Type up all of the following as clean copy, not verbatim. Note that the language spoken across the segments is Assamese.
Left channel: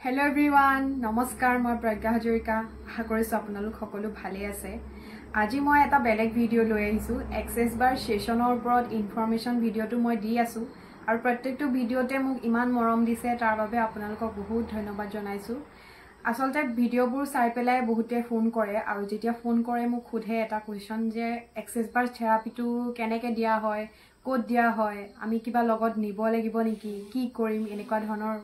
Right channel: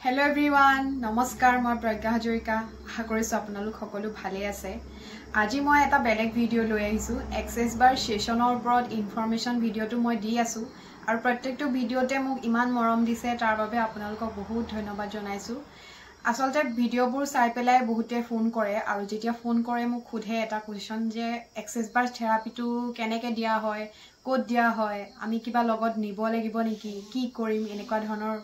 Hello everyone, নমস্কাৰ মই প্ৰজ্ঞা হাজৰিকা আশা কৰিছো আপোনালোক সকলো ভালে আছে আজি মই এটা বেলেগ ভিডিও লৈ আহিছো এক্সেস বাৰ সেশনৰ ওপৰত ইনফৰমেশন ভিডিওটো মই দি আছো আৰু প্ৰত্যেকটো ভিডিওতে মোক ইমান মৰম দিছে তাৰ বাবে আপোনালোকক বহুত ধন্যবাদ জনাইছো আসলতে ভিডিওবোৰ চাই পেলাই বহুতে ফোন কৰে আৰু যেতিয়া ফোন কৰে মোক খুধে এটা কোৱেশ্চন যে এক্সেস বাৰ থেৰাপিটো কেনেকৈ দিয়া হয় ক'ত দিয়া হয় আমি কিবা লগত নিব লাগিব নেকি কি কৰিম এনেকুৱা ধৰণৰ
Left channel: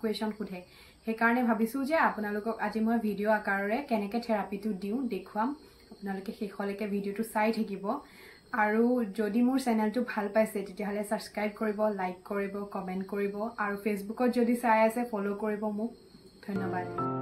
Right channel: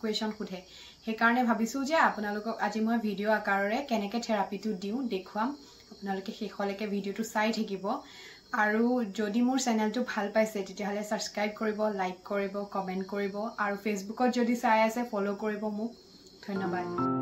কোৱেশ্চন খুধে সেইকাৰণে ভাবিছো যে আপোনালোকক আজি মই ভিডিও আকাৰৰে কেনেকৈ থেৰাপিটো দিও দেখুৱাম আপোনালোকে শেষলৈকে ভিডিওটো চাই থাকিব আৰু যদি মোৰ চেনেলটো ভাল পাইছে তেতিয়াহলে সাবস্ক্ৰাইব কৰিব লাইক কৰিব কমেন্ট কৰিব আৰু ফেসবুকত যদি চাই আছে ফলো কৰিব মোক ধন্যবাদ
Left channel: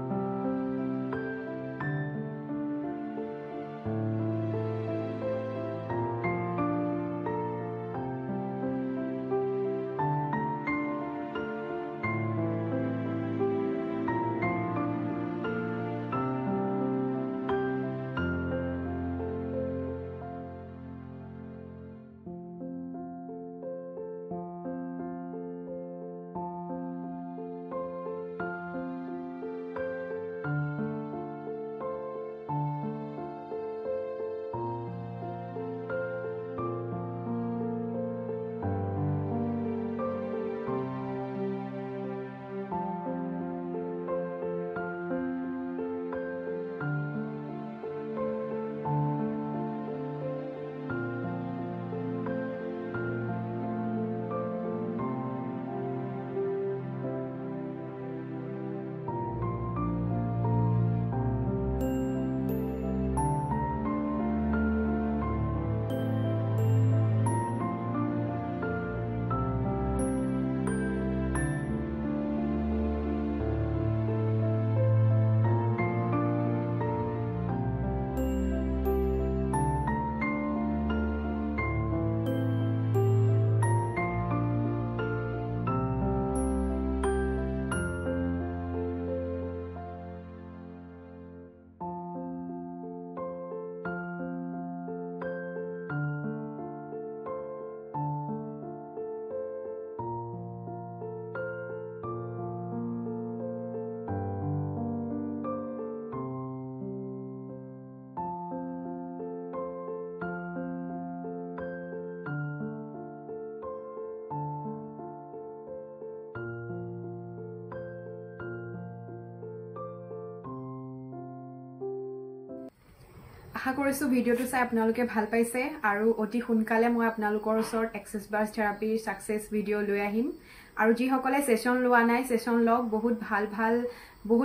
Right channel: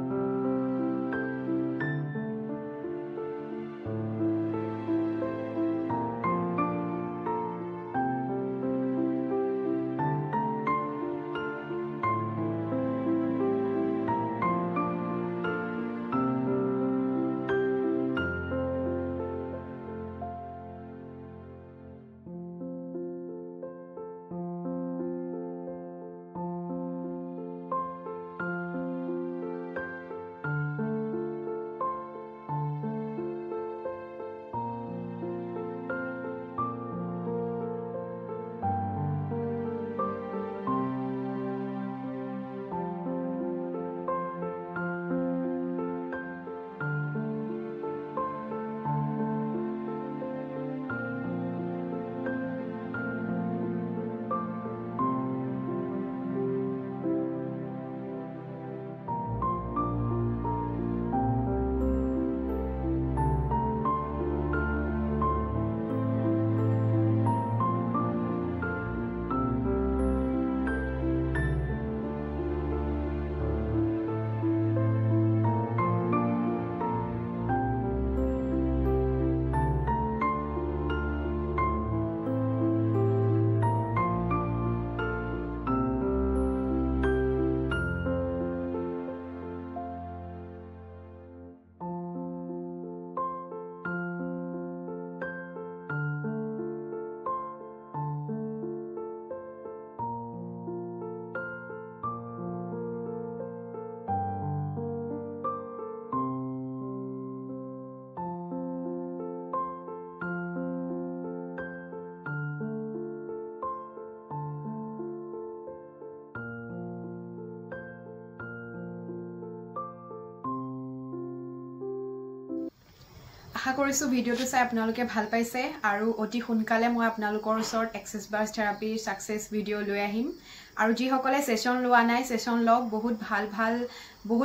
আশা কৰিছো ভিডিওটো চাই আপোনালোকে ভাল পাইছে আৰু অতি সোনকালে মই আপোনালোকৰ ওচৰত এক্সেস বাৰ থেৰাপি সাকসেস ভিডিও লৈ আহিম আৰু যি সকলে সেশন লোৱা নাই সেশন লগ বহুত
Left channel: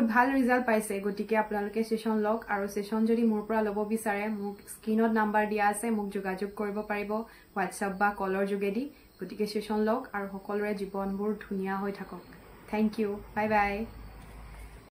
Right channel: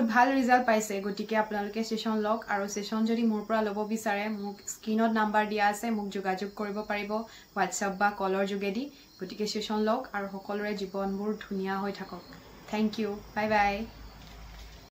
ভাল ৰিজাল্ট পাইছে গতিকে আপোনালোকে সেশন লগ আৰু সেশন যদি মোৰ পৰা ল'ব বিচাৰে মোক স্ক্ৰিনত নাম্বাৰ দিয়া আছে মোক যোগাযোগ কৰিব পাৰিব WhatsApp বা কলৰ যোগেদি গতিকে সেশন লগ আৰু সকলোৰে জীৱনবোৰ ধুনীয়া হৈ থাকক থ্যাংক ইউ বাই বাই